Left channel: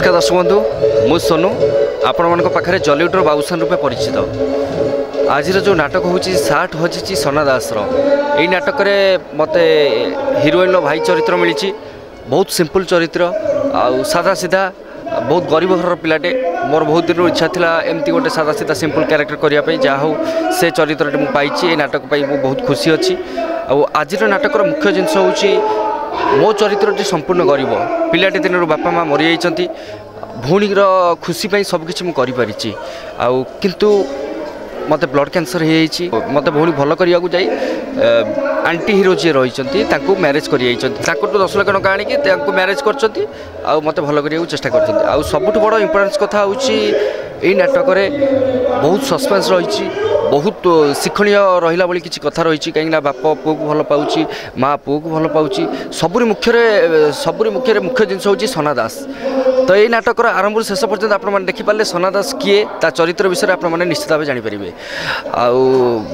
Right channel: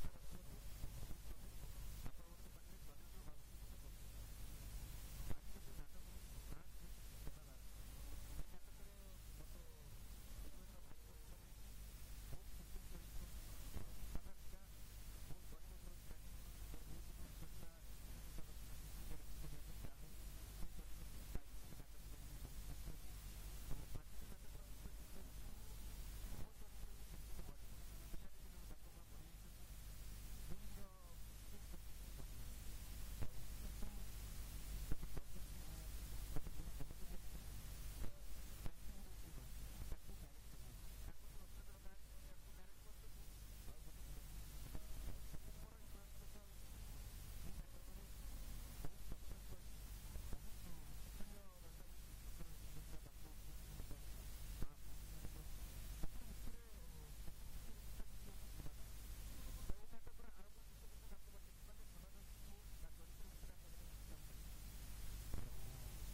नमस्कार दर्शक बंधु मु सोनू आपण मान पाखे जलीउडर बाबूसान रूपे परिचित। आज जो नाटक हूँ साठ हजिची सना दास यही नाटक मत हिरोइन भाई चरित्र मिली। बहुत सिंपल चरित्र आ सादा सीधा बहुत गरीब घर पिलाटे। मोर बहुत दिन इच्छा था एमती गोटे सादा सीधा सिंपल क्यारेक्टर करने जहाँ हो से चरित्र मुझे पाई नाटक बहुत खुशी अच्छी। आज नाटकर मुख्य जिनस हूँ मो चरित्रटी संपूर्ण गरीब पिलाटे दिन बापा माँ मरी जाइछंती। भौणीर खुशी सबकिछि मु करि परिछि किंतु मते ब्लड कैंसर हो मते भौणी भल करिया जाई आंटी हिरो जी रही मैरेज कर 10 लाख टका आनिकी मैरेज करछंती मते भल करिया चेष्टा करछंती। सबुठ बड़ इंपोर्टेंस कथा होछि एई नाटक बहुत सस्पेंस रही बहुत शिक्षणीय रहा भाई किसी कथा रही कहीं बाप पुओ को भल पाऊँ माँ पुओ को भल पाऊँ सबुरी मुख्य जिनस हूँ सना दास। तो ये नाटक आरंभ शेष पर्यटन आपने देखिपारे सना दास किए ता चरित्र विषय आपने निश्चित भाव जानीपारे।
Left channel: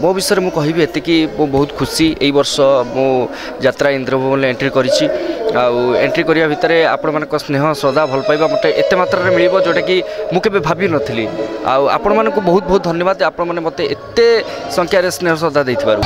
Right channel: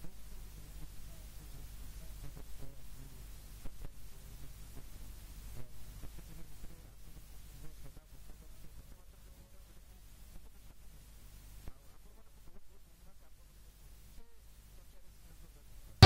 मो विषय मुझे कहबी एतिकी बहुत खुशी यही वर्ष मो यात्रा इंद्रभवन एंट्री करी एंट्री करने भितर आपण मान स्नेह श्रद्धा भल पाइबा मत एत मात्रा मिल जोटा कि मुझे भावी नी आपण मान बहुत बहुत धन्यवाद आपण मैंने मत एत संख्यार स्नेह श्रद्धा देथिबारु।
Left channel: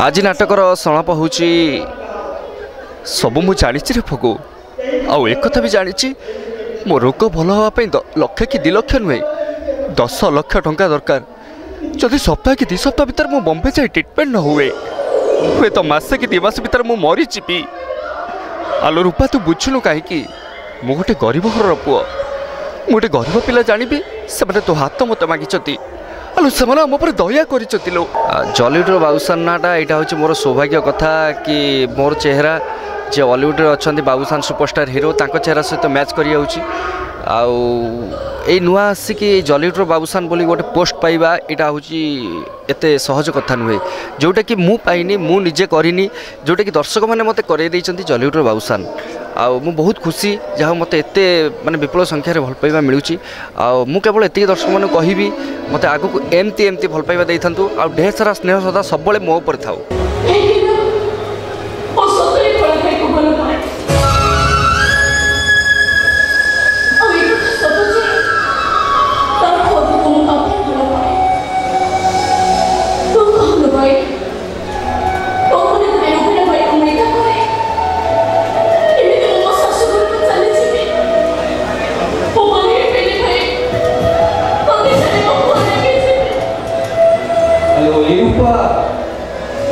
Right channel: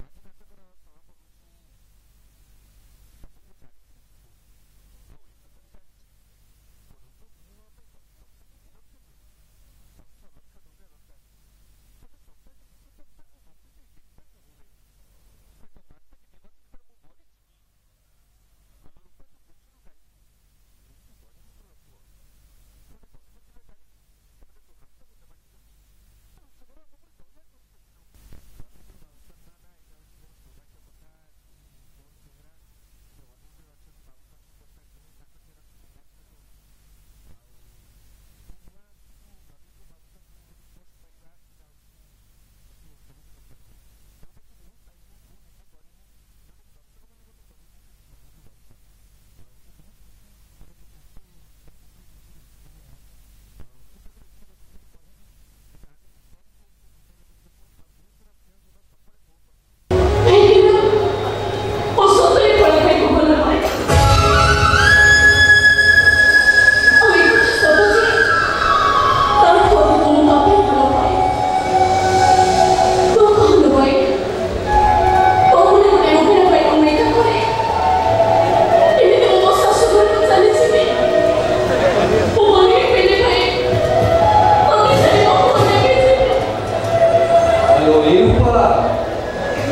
आज नाटकर संलाप हूँ सब मु जानी रे फगो आउ एक कथा भी जानी मो रोग भल हाँपाई लक्ष कि 2 लाख नुहे 10 लाख टंका दरकार। जदि सप्ताह कि 2 सप्ताह भीतर मु बम्बे जाए ट्रिटमेंट न हुए हुए तो मसे कि 2 मास भीतर मु मरी जीवी। आलो रूपा तू बुझुनु कहीं मु गोटे गरीब घर पुओ मु गोटे गरीब पिला जानी से तो हाथ मत मागिचती आलो से आम पर दया कर जलीउडर बाबूसान नाटा यहाँ हूँ मोर सौभाग्य कथा कि मोर चेहरा जे बॉलीवुड अच्छा बाबूसान सुपरस्टार हिरो चेहरा सहित मैच कर नुआ आसिकी जलीउडर बाबूसान बोली गोटे पोस्ट पाइबा यहाँ हूँ एत सहज कथा नुहे जोटा कि मु पाइनी मु निजे करिनी जोटा कि दर्शक मैंने मत कर जलीउडर बाबूसान मु बहुत खुशी जहाँ मत एत माने विपुल संख्यार भल पाइबा मिलूँ। मु केवल एति दर्शक मन कहबी मत आगक एमती एमती भल पाइबा दे था ढेर सारा स्नेह श्रद्धा सब मो पर थाउ।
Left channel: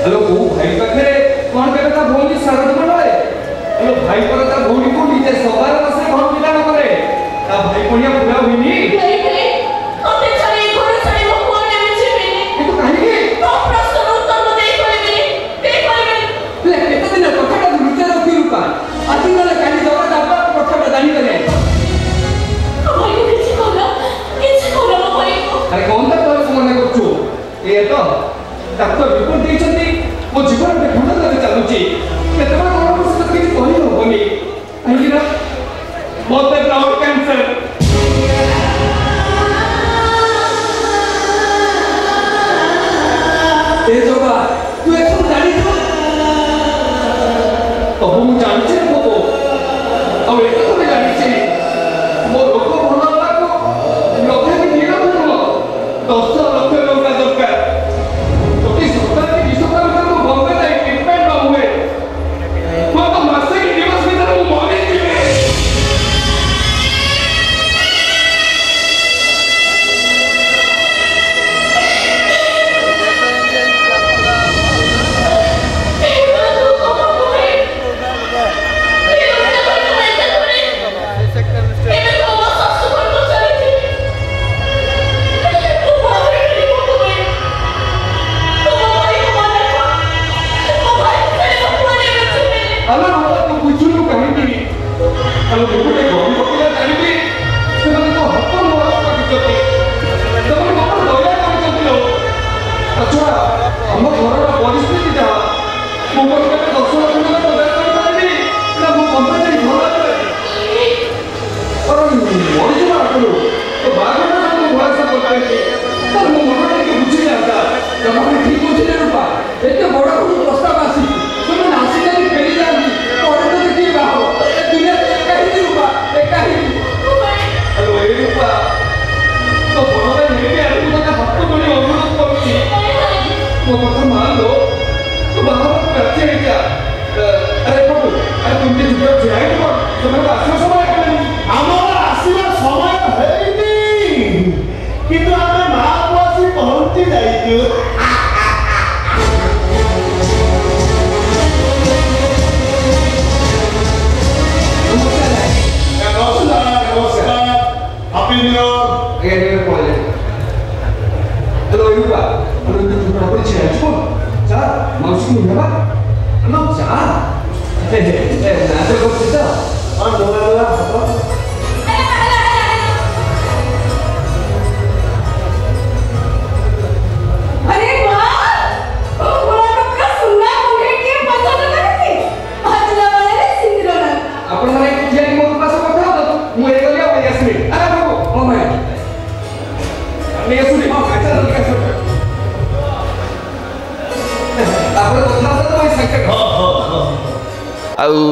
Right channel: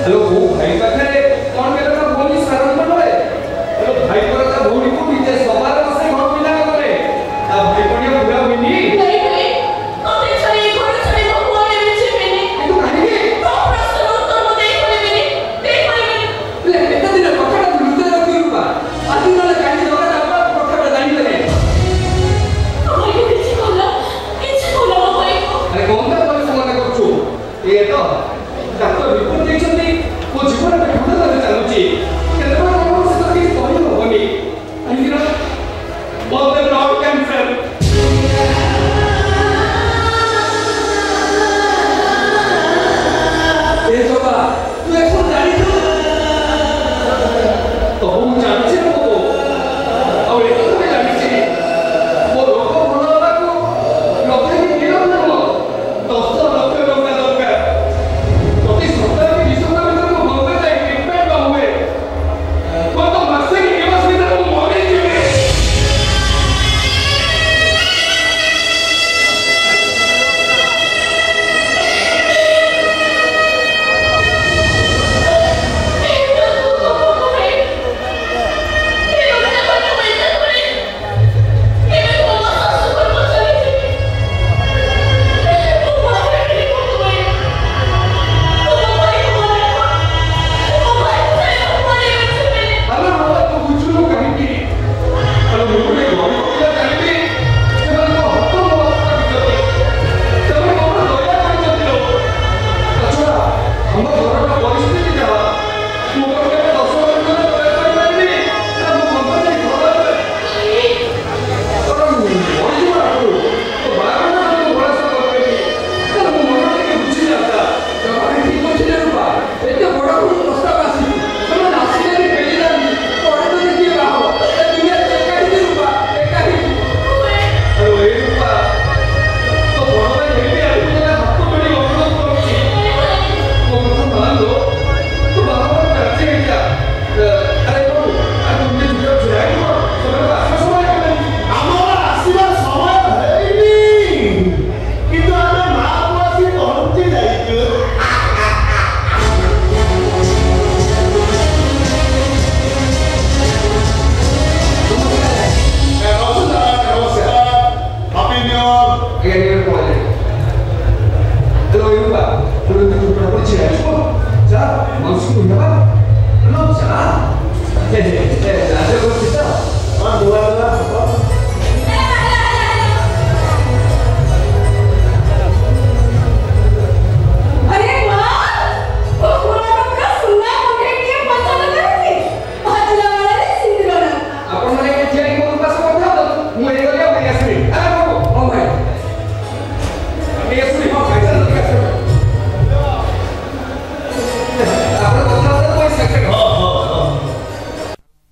हेलो वो भाई का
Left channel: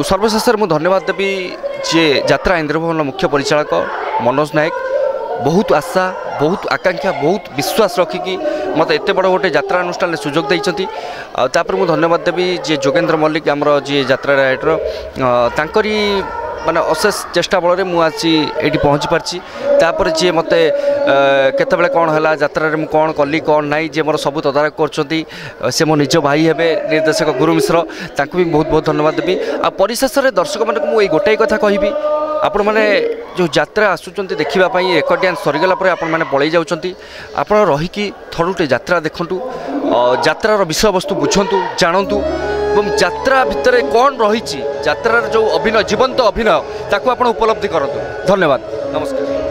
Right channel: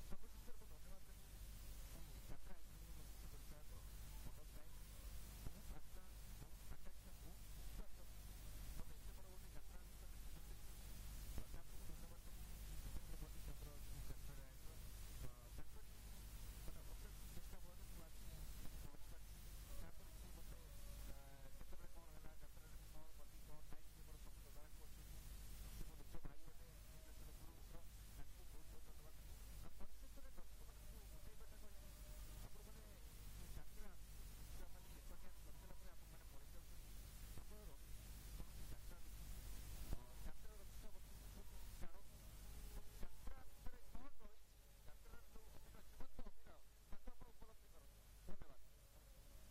सर्वशेष मुझे धन्यवाद देवी जे यात्रा इंद्रभवन मुख्य परिचालक मनोज नायक बहुत आशा बहुत आकांक्षा बहुत विश्वास रखिकी मत एत बड़ गोटे यात्रा अनुष्ठान सुजोग देती मुझे धन्यवाद देवी जे जोगेंद्र मल्लिक आमर जी यात्रा राइटर माने अशेष चेष्टा बल में मुझे ये पहुँची पार्ची तापर जी मत केतबेले कौन है यात्रा मुझे कौन कली कौन नाई जे मोर सब तदारक कर से मो निज भाई हे निर्देशक गुरु मिश्र भी बहुत बहुत धन्यवाद देवी आ परिशेष में दर्शक मानक मुझे गोटाई कथा कहि आपण मैंने जो यात्रा आसुच्च देखापी रेकर्ड डांस सरीगला आपण मैंने पलि जाऊँच आप रहीकि थरुटे यात्रा देखु यात्रार विषय वस्तु बुझंतु जानतु और यात्रा भितर कौन रही यात्रार जो अभिनय जीवंत अभिनय ताकू आप उपलब्धि करतु। धन्यवाद, नमस्कार।